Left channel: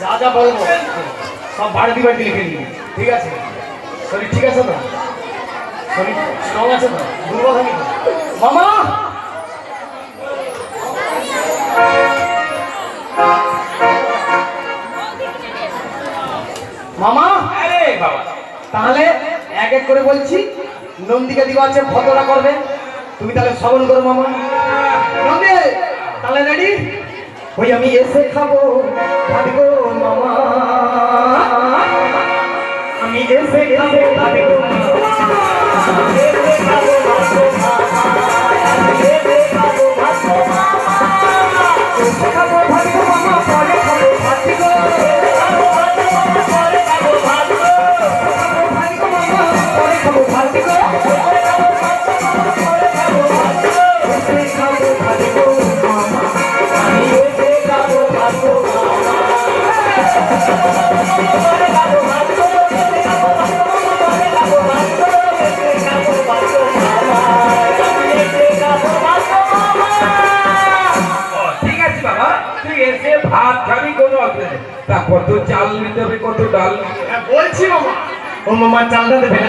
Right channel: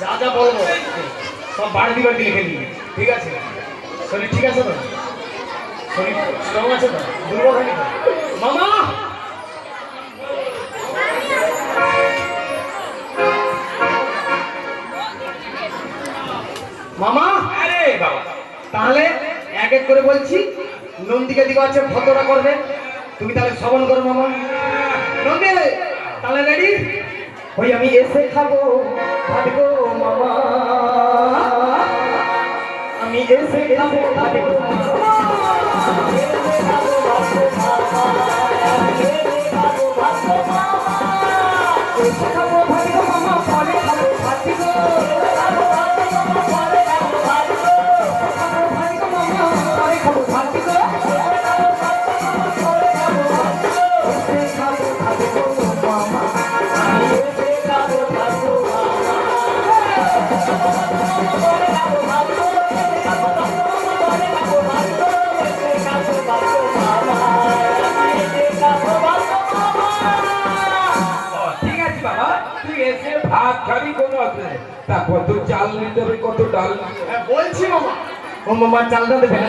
যা যা বলবো সব বাড়তি বাড়তি লিখে নিবি, ঠিক আছে? শরীর ঠিক আছে তো? শরীর স্ট্রং আছে তো? দুর্বল হয়নি তো? মামা মামা, আরে বাবা, তাহলে এক এক করে বলছি, নন্দিকা দিকে আছে ফটোটা করবে, তুমি তাহলে শ্রবণ করো মামা। নন্দী তাহলে রেডি? ওই আমি এসে খাবো ভাত গো মামা, আমি এসে খাবো ভাত গো মামা, এসে খাবো ভাত গো মামা, এসে খাবো ভাত গো মামা, এসে খাবো ভাত গো মামা, পরে খাবো ভাত গো, এসে খাবো ভাত গো মামা, পরে খাবো ভাত গো, এসে খাবো ভাত গো মামা, পরে খাবো ভাত গো, এসে খাবো ভাত গো মামা, আমি এসে খাবো ভাত গো মামা, পরে খাবো ভাত গো, এসে খাবো ভাত গো মামা, পরে খাবো ভাত গো, এসে খাবো ভাত গো মামা, আমি এসে খাবো ভাত গো মামা। ঠিক আছে বাবা, তুই এসে ভাত খাবি, কোনো অসুবিধা নেই। তা কত চাল নিতে হবে, কত ডাল? বলছি মামা, ও মামা চালটা দেবে না?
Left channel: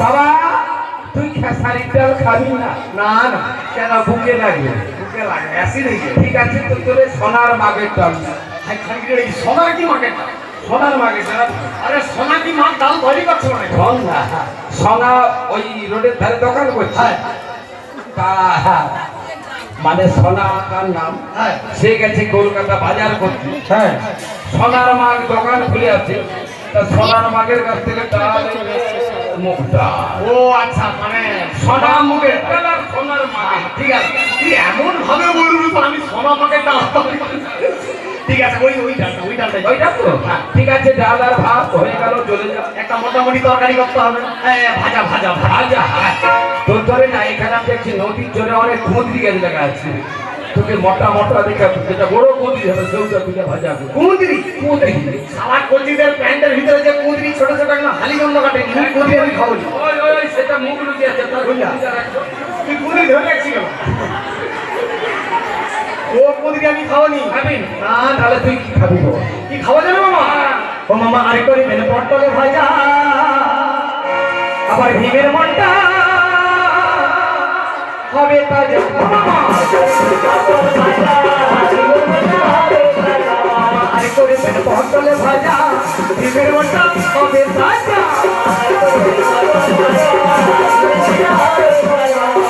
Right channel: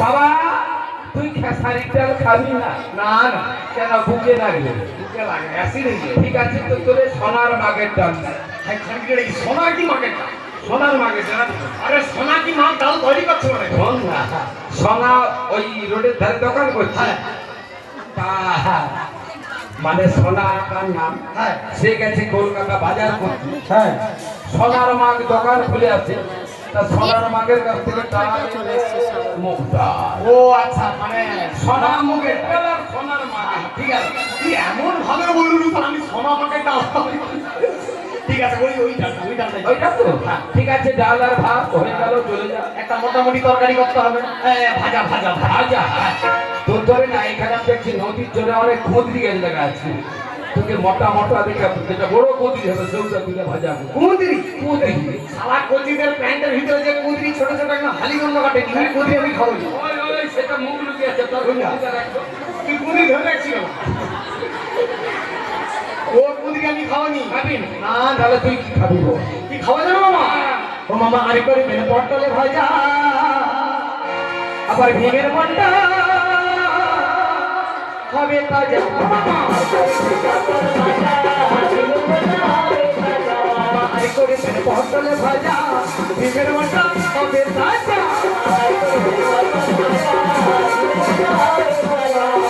বাবা, তুই খেসারির ডাল খাবি না? না না, কেন, বুকে লাগবে? বুকে লাগে, অ্যাসিড হয়ে যায়। ঠিক আছে, তো তোরে সোনার মাগের ডাল। সোনা কি মার্কেট? সোনার মাগের ডাল? আরে সোনা কি মাল ডাল তৈরি করছো না? শোন না, সোনা ওই রোডের ধারে দোকান করছে, তা মানে সোনা তার নাম, হ্যাঁ সে গেছে কলকাতা বাজার করতে, হ্যাঁ, সোনার মাগ দোকান খুলে আছে, তা সোনার মাগের কাছ থেকে ডাল মুখটা, ও আচ্ছা, মানে সোনা মুখের ডাল আর সোনার মার্কেট, ঠিক আছে? তুই এমন ভাবে বলবি তো আমি সোনা মার্কেট ডাল, ঠিক আছে? ওই ডালটা, ওই ডালটা, ওইটা তো ঠিক আছে। ডাল আর ভাত হয়ে গেল, চলে যা। একটা মোটামুটি তরকারি করতে হবে, ভাজা ভাজা ভাজা। তোর ধরে না, এখানে আমি দেখছি নদীর জন্য অনেক কুঁদরি গাছ লাগা আছে, তোকে মোটা মোটা দেখা, যেটা বড় কুঁদরি হবে সেটা তুলে ভাজা কুঁদরি কুঁদরি। সারা কচিদের প্যান্টের ভিতরে যে কুঁদরি ছোট ছোট একদম হালিগন্ধ কাটে, ওই কুঁদরি আমি খাবো না। ওই ওই ওই, সেটা মুখ লুকিয়ে আছে, তার বুঝলা? তুই কুঁদরি ধরে রাখছিল, ও কুঁদরি আমি খাওয়ানি। খাবি না? তাহলে তুই কি খাবি গো? কি খাওয়া যাবে মামা? ও মামা আরে করে মেনে পটলে ভাজা, আবার ভীমের মনটা হবে তাজা। মামা আরে করে মেনে পটলে ভাজা, ভীমের মনটা হবে তাজা।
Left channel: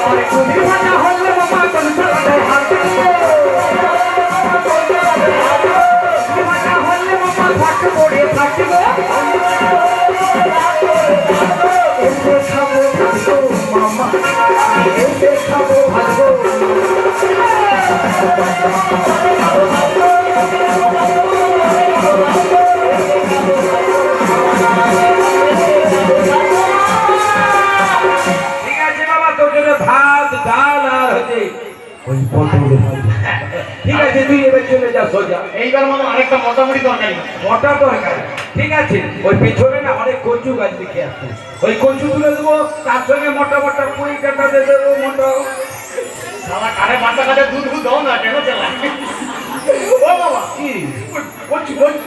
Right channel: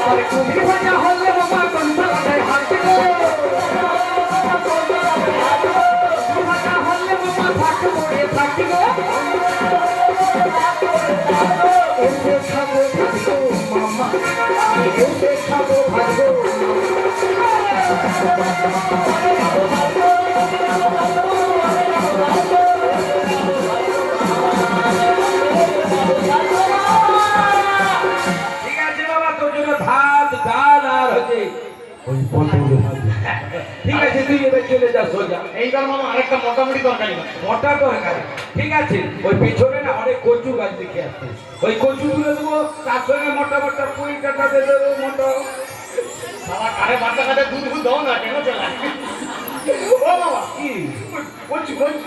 আরে কুঁদরি ভাজা হলে মামা কনসালা দেয় হাত গো, ভাজা হলে মামা ভাত পড়ে থাকি গো, এসে খাবো ভাত গো মামা, এসে খাবো ভাত গো। ঠিক আছে বাবা, তোর জন্য ভাত ডাল আর হচ্ছে ওই পটল ভাজা। ঠিক আছে, তুই এবার চলে যা সোজা। এইবার মানে আরেকটা মোটামুটি তরকারি, মোটা তরকারি, ঠিক আছে? ওই পেছনে না অনেক কচু গাছ দেখে আসছে, ওই কচু তুলে দেবো, তার সঙ্গে মোটা মোটা পুঁই কাটা দিয়ে দেবো, মোটা। সারা কারে বাচ্চা কাছে দুধ দুধ দাও না, কেন চালায়? ও বাবা কি কচু কচু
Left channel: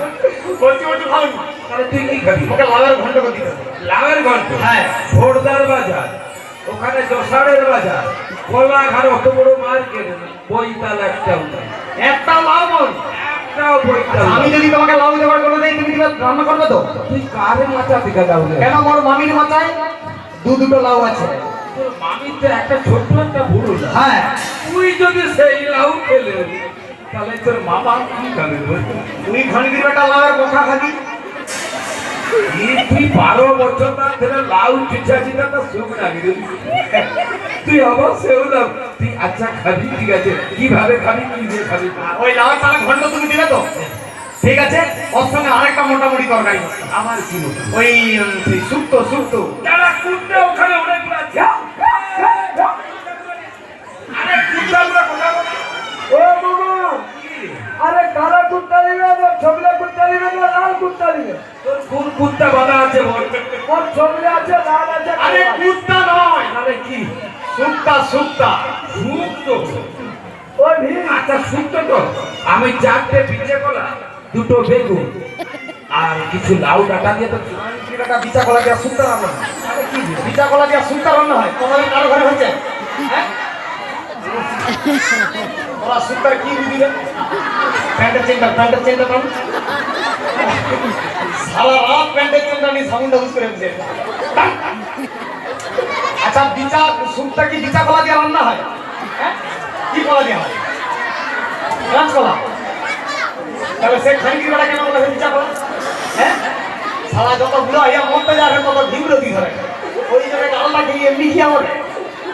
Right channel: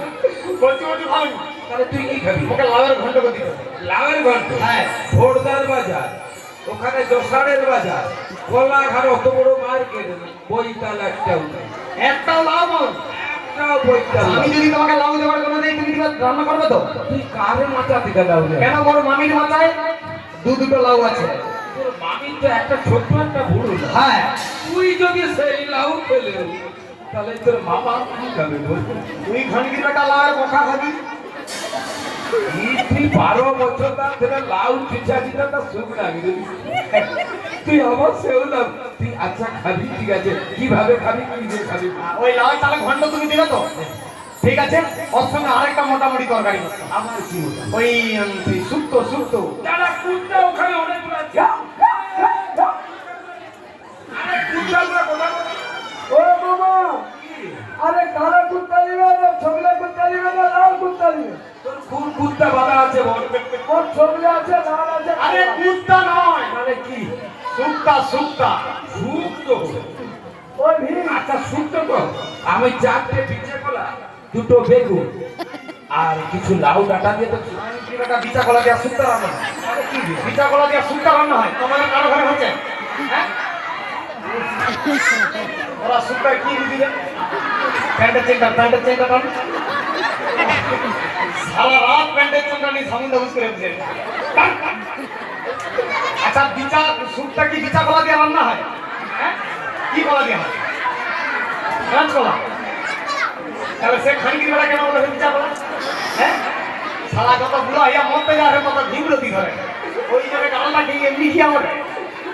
কচু কচু ভালো না, তাহলে তুই কি খাবি? ওকে লাউয়ের ঘন্ট করে দিতে হবে। লাউয়ের ঘন্ট? হ্যাঁ। ভোরদার বাজার, ওখানে দোসারের বাজার, কোলাঘাট অত বড় মার্কেট, বইতাল একটাও নেই। একটাও লাউ বল, একটাও বইতাল আমি নেই। যদি তোমাকে লাউ জোগাড় করে দেই, তুমি দিবা রান্না করবে তো? তুই কারে মাথা থেকে লাউ নেই? কেন, বড় মামির মাথায় দুটো লাউ আছে। তোর মামির তো একটা ছোট্ট একটা ভুল। হ্যাঁ তুই যদি সেই লাউ খেলে তাহলে তোর মামা কি খাবে বল? তুই খানকির বেটা লাউয়ের কথা খাবি। তুই 12 বছর ধরে লাউ চিচাচিটা তো সুখ লাগে রে। তুই আবার সেও না তুই আচ্ছা খাবি ঠিক আছে কিভাবে খাবি কি দিয়ে খাবি ওই লাউয়ের পালা ঘন্ট তুমি দিবে তো? ঠিক আছে, ওর সঙ্গে আরেকটা মোটামুটি তরকারি করতে। আমার কি ওই শুক্তো শুক্তো। যারা কুত্তা ওখানে অনেকগুলো আছে আরে কুত্তাগুলো কথা বল ও মামা, আরে কালা কুত্তা নিবে না ছবিলে কুত্তা নিবে না লাল কুত্তা নিবে? তোর কোন কুত্তা বাঁধা আছে বল ওর ছবিলে আছে লাল আছে আরে কালো আছে। কুত্তা নয়, আরে কি শুক্তা শুক্তা। সুক্ত ওই ভিড় আচ্ছা সুক্ত তো আমি 4টে পিঠে কলা 2টো বেগুন আর কিছু লাউ ডাটা দিয়ে তো খানকির বেটা বিচা কলা দিয়া শুক্তা রান্না হয়। আরে কি রে? বিচা কলা দিয়া শুক্তা রান্না হয়, তোমাদের কারো ঘরে হচ্ছে? হ্যাঁ, ওরা শুক্তার কি দিবে? প্যান্টের চেনটা টান। সারা রাত প্যান্টের চেনটা নিয়ে সামুন্ডা বুঝ করে বসে। আচ্ছা বিচা শুক্তা কি বিচা কলা দিয়ে রান্না হয়? হ্যাঁ, কি কলা দিয়ে হয়? কাঁচ কলা। তাহলে সে খানকির বেটা কেন বলে বিচা কলা? হ্যাঁ, সারা যত বুড়া হইয়া মরতে যাবে তত ভিমরতি ধরে। ওই জন্য আল্লাহ খেয়ে এমনি কি আমার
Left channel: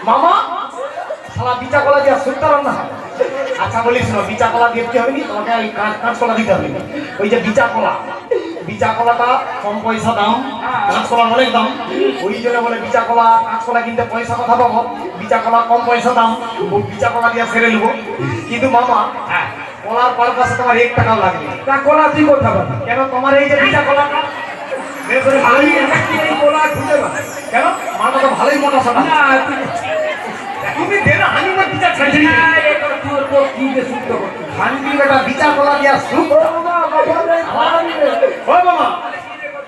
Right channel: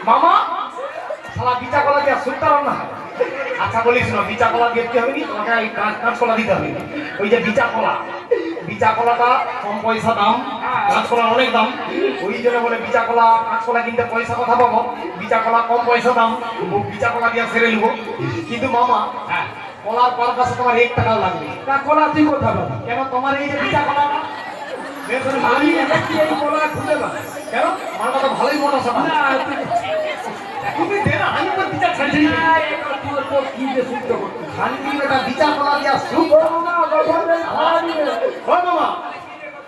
মামা সারা বিচা কলা দিয়ে শুক্তা রান্না হয়। আচ্ছা বলিস না, বিচা কলা দেখতে হবে নি, তোমাকে এই কাঁচকলা দিতে হবে। ওই যে বিচা কলাটা কম পয়সা দাম, কাঁচকলা অনেক দাম। ওই জন্য বলে বিচা কলা কাঁচকলা কিনতে পয়সা কথা পাবো, বিচা কলা কম পয়সা দাম, ও বিচা কলা দিয়ে সেরে নেবো। কিন্তু মামা হ্যাঁ কলার পারপাসে তোমার 1 টাকাও লাগবে। তা কলা তুই কোথা পাবি কেন তোমার এই যে বিচা কলাটা বের করে আমি ভালোই এটা কি এই কলা খুঁজে না কেন মালটা তো ভালোই মোটা সোনা। না তুমি দে না, আমি আমার বিচা ছাড়ছি না এটা তোর তোর কি যে সুক্ত করছিস খানকির বেটা বিচা কলা দিয়া শুক। ও মামা বাবা রে খাওয়া নিবে। ও মামা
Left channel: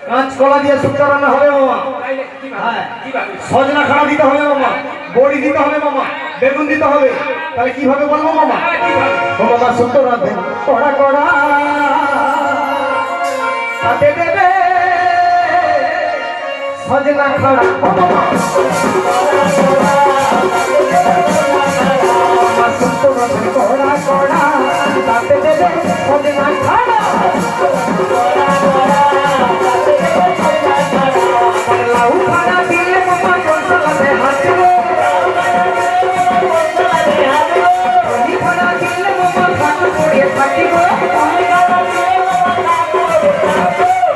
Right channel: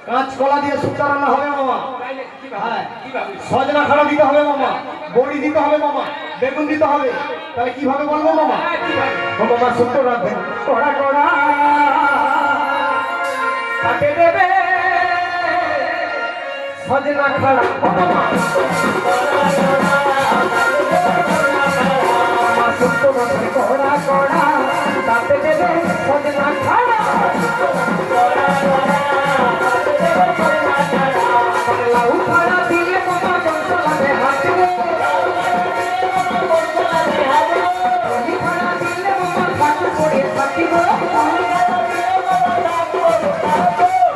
কাঁচকলা দিয়ে শুক্তা রান্না হবে মামা। তাইলে কি হ্যাঁ। কি ভাবি সজনা খাড়া দিতে হবে মামা, বড়ি দিতে হবে মামা, বেগুন দিতে হবে। তাহলে কিভাবে বলবো মামা? কি ভাবি ও মামা শুক্তো রাঁধবেন কড়া কড়া তাতে দেবে সজনা খাড়া। ও মামা শুক্তো রাঁধবেন কড়া কড়া তাতে দেবে সজনা খাড়া। লাউ খাড়া দিলে মামা কনসালাতে হাসবে, হলি খাড়া দিলে মামা ফাটু পড়ে ফাটিব।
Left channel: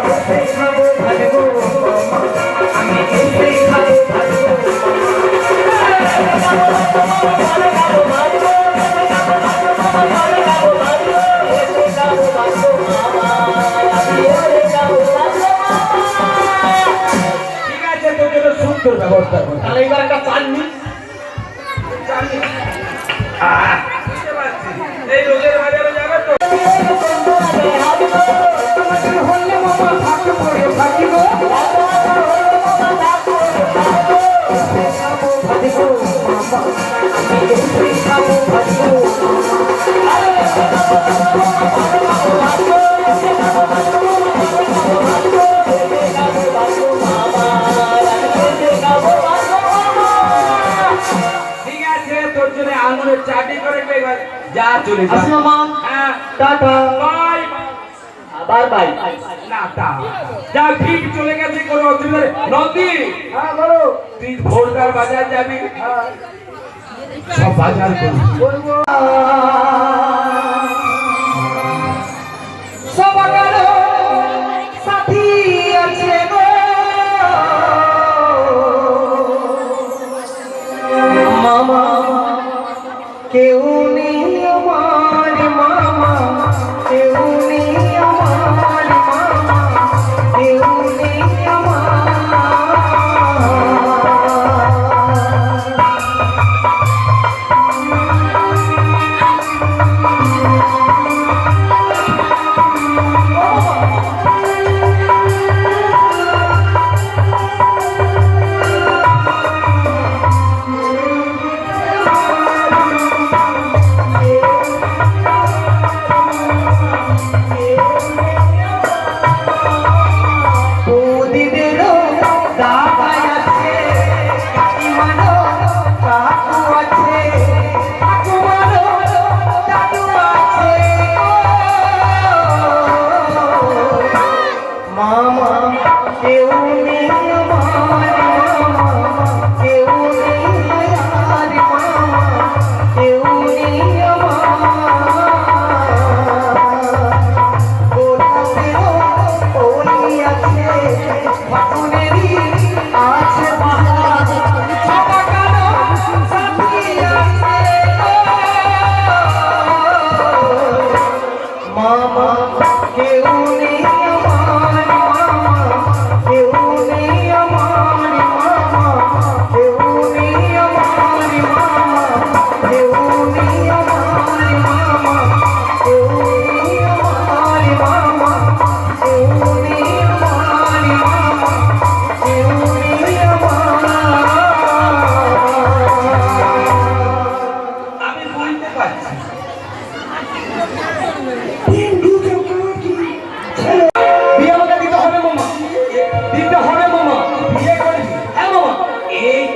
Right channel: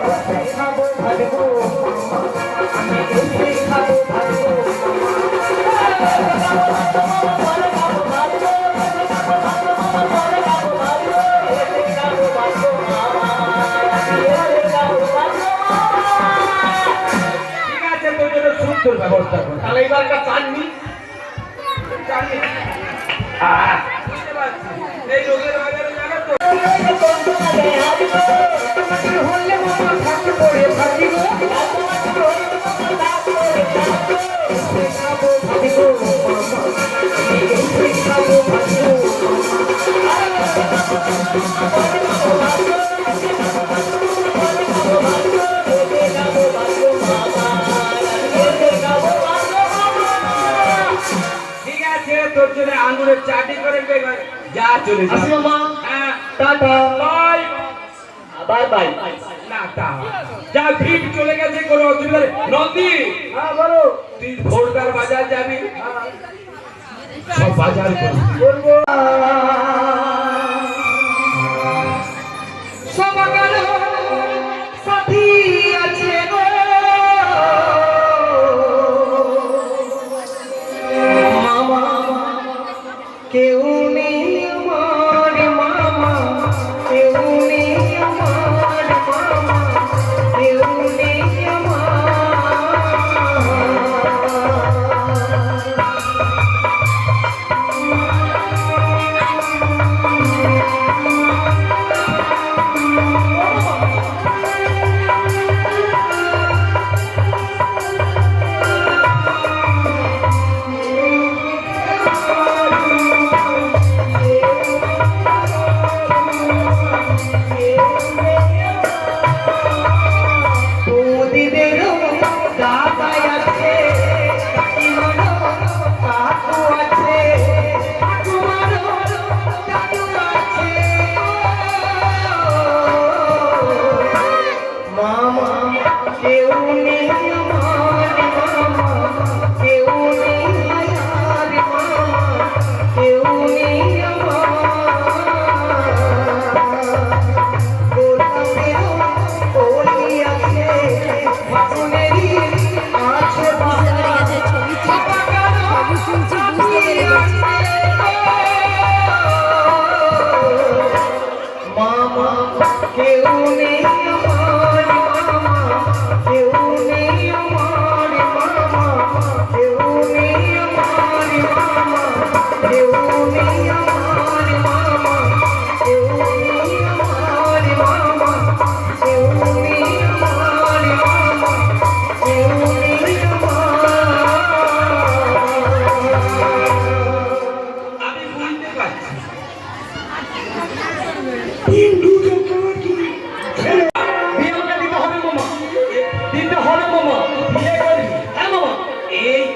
এসে খাবো ভাজবো আমি, এসে খাবো ভাজবো। ঠিক আছে তোর জন্য সুক্তর ব্যবস্থা কর তাহলে এবার একটা চাটনি। বুঝতে পারছি এই রোজের বাজারে যাবে তো হলে মামা ফাটু পড়ে ফাটিব। এসে খাবো ভাজবো মামা আমি, এসে খাবো ভাজবো। ঠিক আছে তোর জন্য আঙুরের চাটনি করে দেবে যা চলে যা আসি মামা, হ্যাঁ টাটা, বাই বাই বাই। না তা যা ভিড় চলে গেছে কোনো অসুবিধা নেই নন্দী হ্যাঁ বলো। তুই ভোরকার বাজার যাবি সব বাজার করবি বলবো সবার সাথী আছে গো মামা, কেউ নেই আমার মামা, কেউ নেই আমার মামা, কেউ নেই আমার।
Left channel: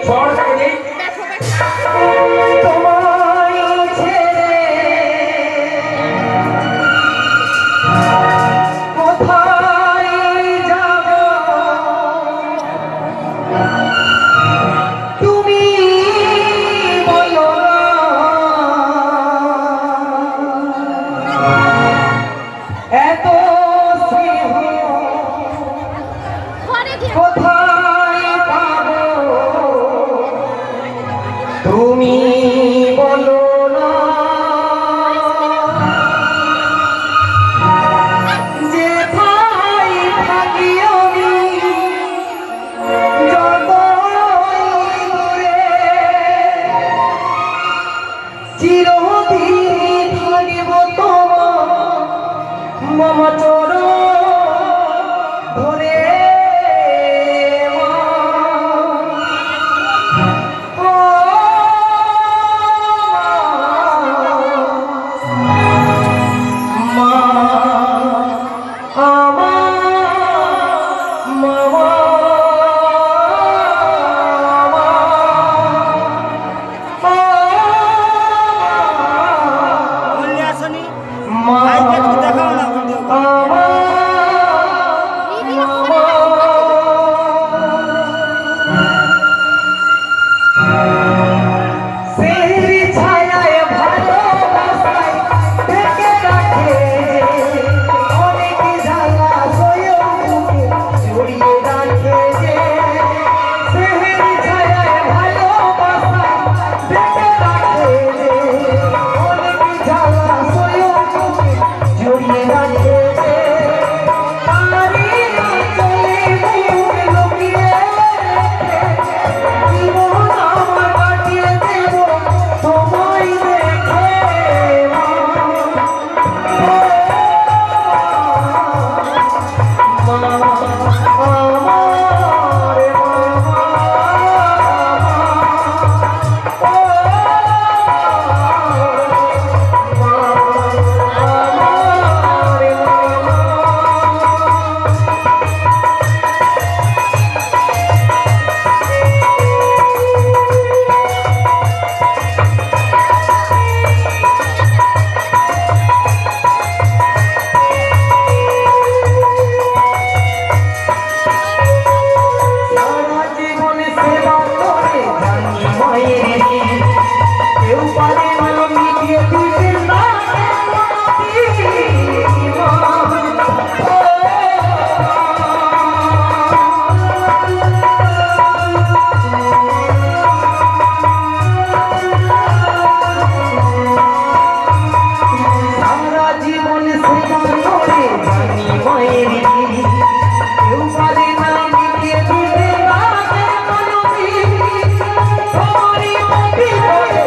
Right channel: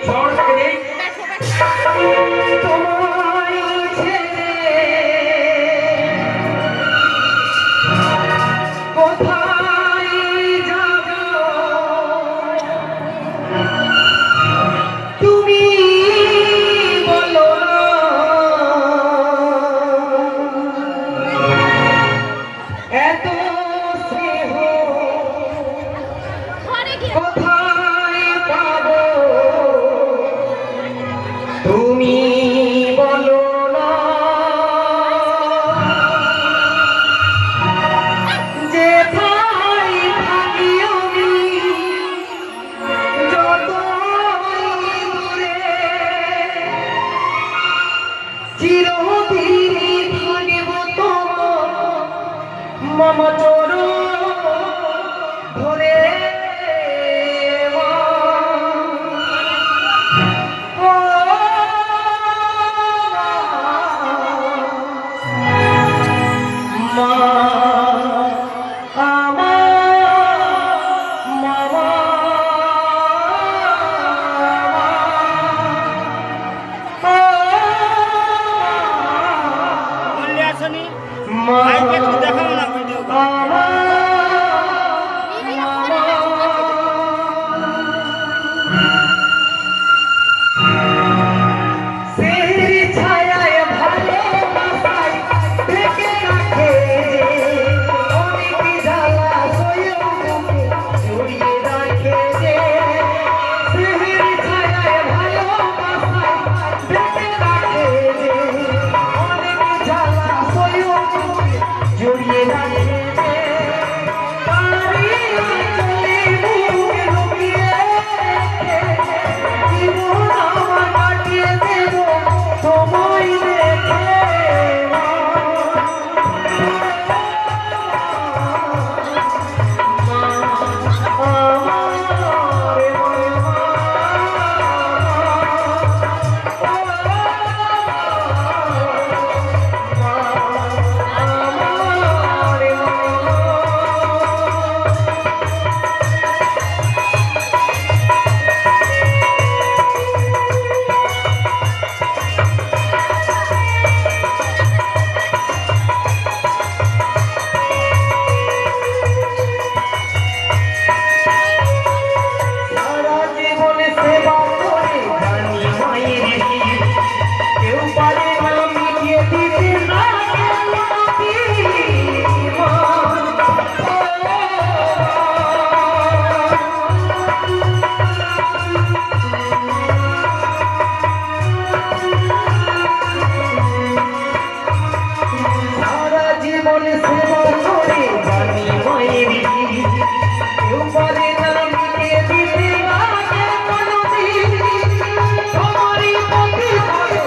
শহরটাকে নেই তোমায় ছেড়ে কোথায় যাব তুমি বলো না এত স্নেহ কোথায় পাবো তুমি বলো না যেথায় থাকি আমি যতই দূরে চিরদিন থাকিব তোমার মম চরণ ধরে বললে আসনি ভাইকে একটু দেখাও না ভিডিও জড়িয়ে রাখে তারি চলে মুখে লুকিয়ে জীবন আমার কাটিয়ে দেব সময় দেখে সারা জীবন সেবা করে জানি মায়ের কেউ পারে ভালো মিটিয়ে দিতে না সারা জীবন সেবা করে জানি মায়ের কেউ পারে না মিটিয়ে দিতে রাখে কোনোদিন তোমারই পথে চলে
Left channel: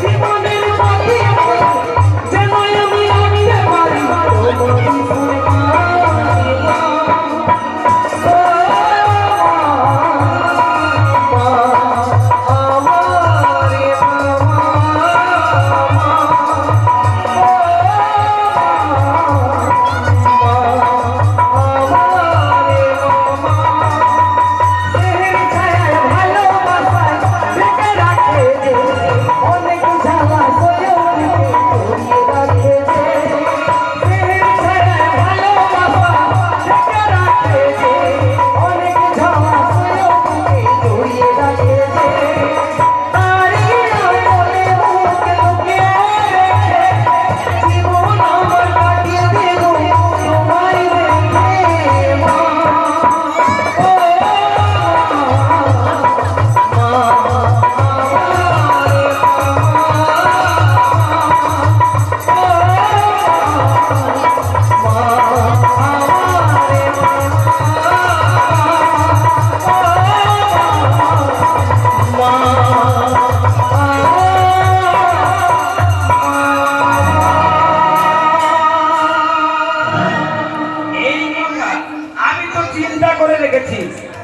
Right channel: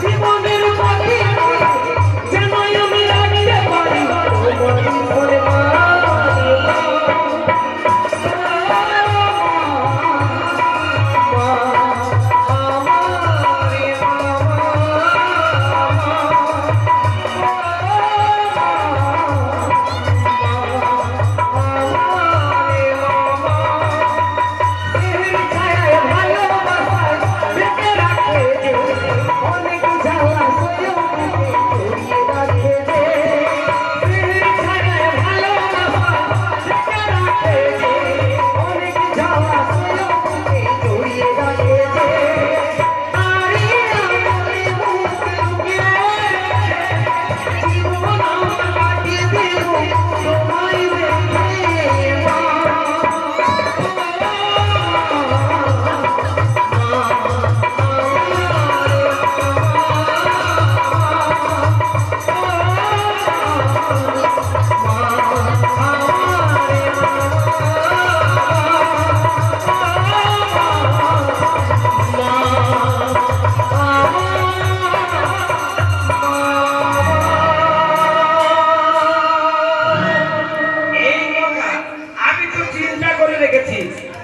জীবনের পথে চলে যেন আমি রাখতে পারি তোমারই সুরে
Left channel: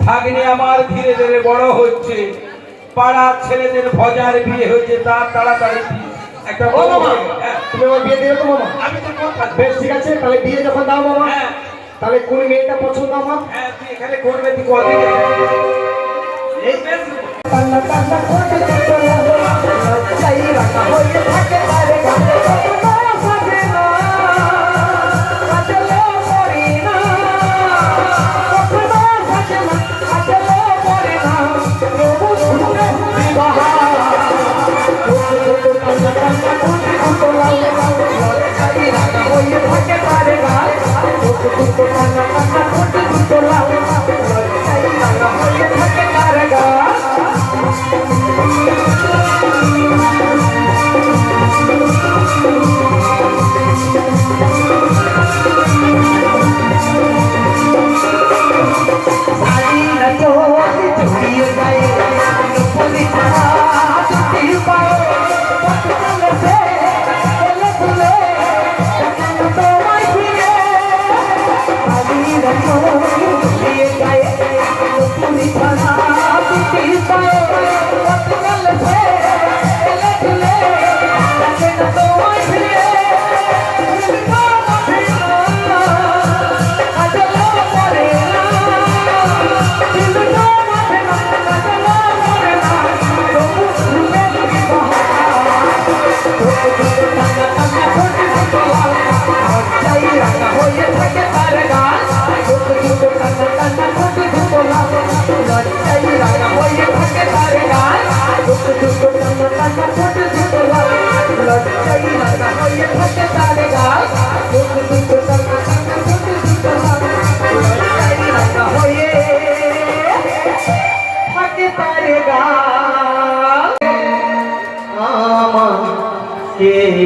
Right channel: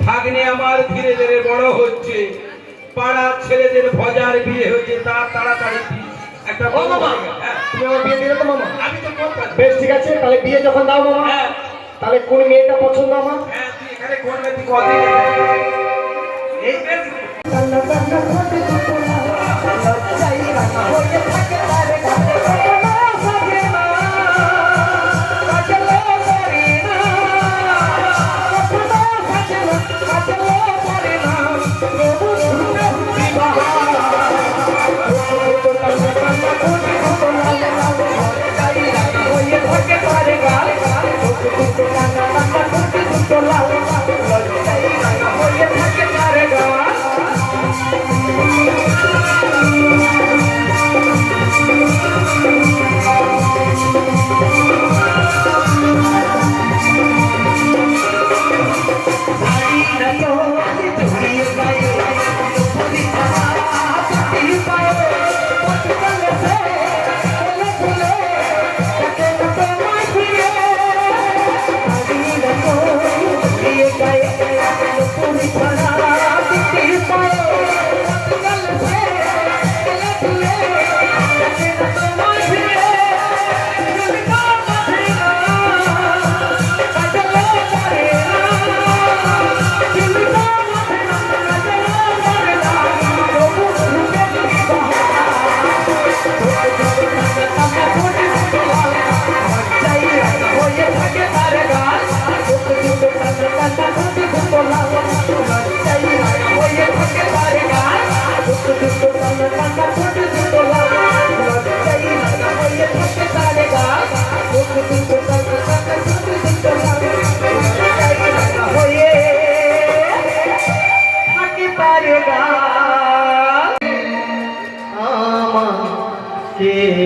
ভাগ্নে আমার ধীরে ধীরে বড় হচ্ছে, পাড়ার ছেলেদের ভজার বিয়ে হচ্ছে, তার তাড়াতাড়ি একটা ও মামা, তুমি আমার বিয়ে দিয়ে তো মামা। আমি তো করতাম। বেশ ঠিক আছে, তাহলে বিয়ে যখন দাও মামা, হ্যাঁ তাহলে কোন মেয়েটা পছন্দ আমার? হ্যাঁ, তুই এখানে করবে, তুই কদিন এই বেশ কান্না কান্না ঠোঁটে দুটো লাল লজ্জায় রাঙা হয়ে থাকে তার গাল কখনো সাজে না কাজলে পড়ে না কখনো সাজে না কাজলে পড়ে না প্রভু শুনে বিবাহ কান্না কান্না ঠোঁটে দুটো লাল লজ্জায় রাঙা হয়ে থাকে তার গাল কান্না কান্না ঠোঁটে দুটো লাল লজ্জায় রাঙা হয়ে থাকে তার গাল রে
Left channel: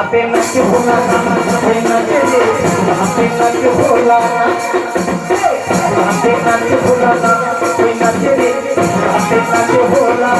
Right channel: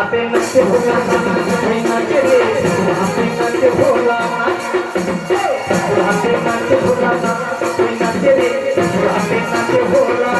हाथे नाचे भोला हाथे नाचे हाथे नाचे भोला हाथे नाचे भोला हाथे नाचे हाथे नाचे भोला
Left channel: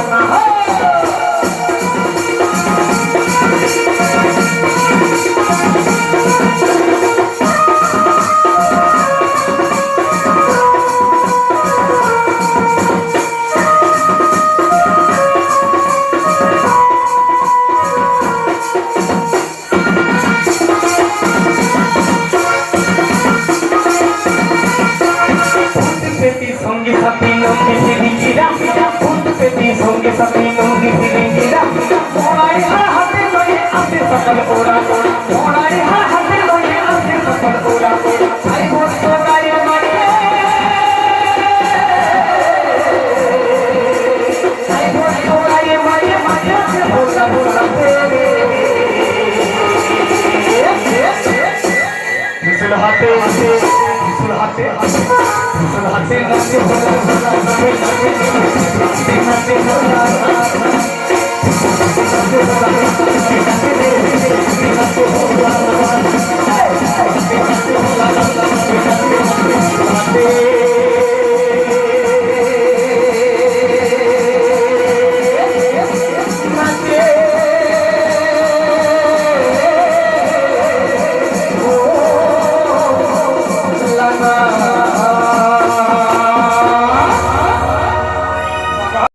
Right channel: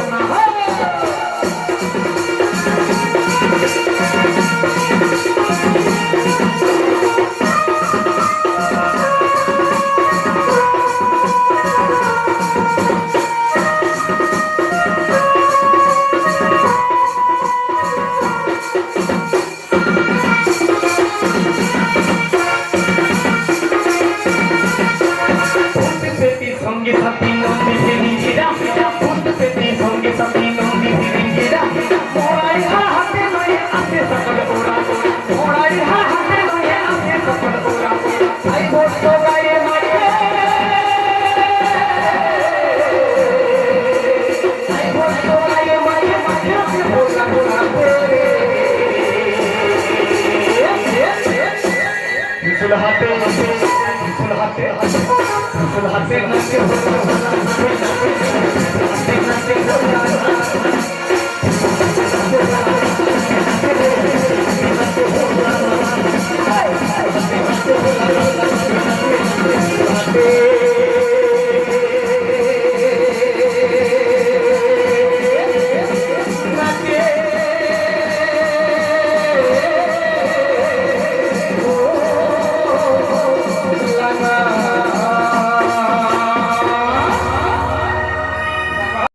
ত্রিশূল হাতে ত্রিশূল হাতে ত্রিশূল হাতে নাচে ভোলা ভোলা নাচে নাচে ভোলা